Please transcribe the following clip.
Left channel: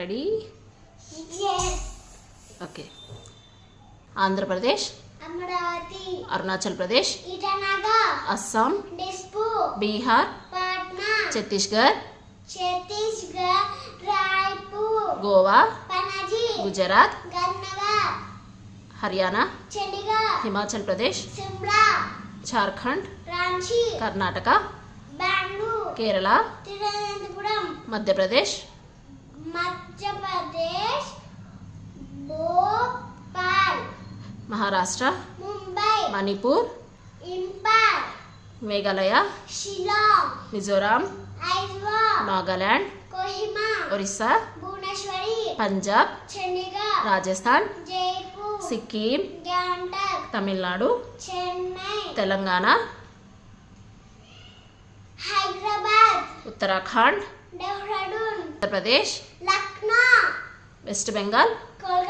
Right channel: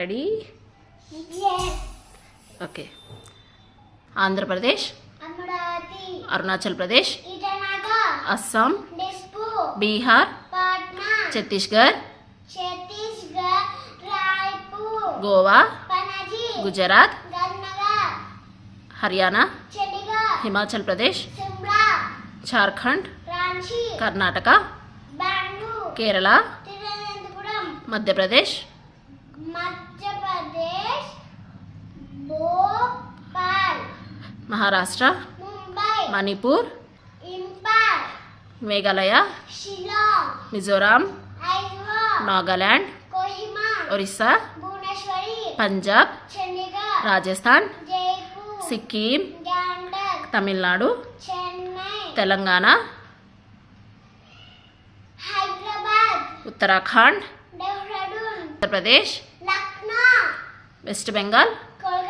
Ready? Yes. Okay. Andhra Pradesh, Amaravati, Arunachal Pradesh, Itanagar, Assam, Dispur, Bihar, Patna, Chhattisgarh, Chhattisgarh, Raipur, Goa, Panaji, Gujarat, Gandhinagar, Haryana, Chandigarh, Himachal Pradesh, Shimla, Jharkhand, Ranchi, Karnataka, Bengaluru, Kerala, Thiruvananthapuram, Madhya Pradesh, Madhya Pradesh, Bhopal, Maharashtra, Mumbai, Manipur, Imphal, Meghalaya, Shillong, Mizoram, Aizawl, Nagaland, Kohima, Orissa, Bhubaneswari, Punjab, Chandigarh, Rajasthan, Jaipur, Sikkim, Gangtok, Tamil Nadu, Chennai, Telangana, Hyderabad, Uttarakhand, Dehradun, Uttar Pradesh, Lucknow, West Bengal, Kolkata.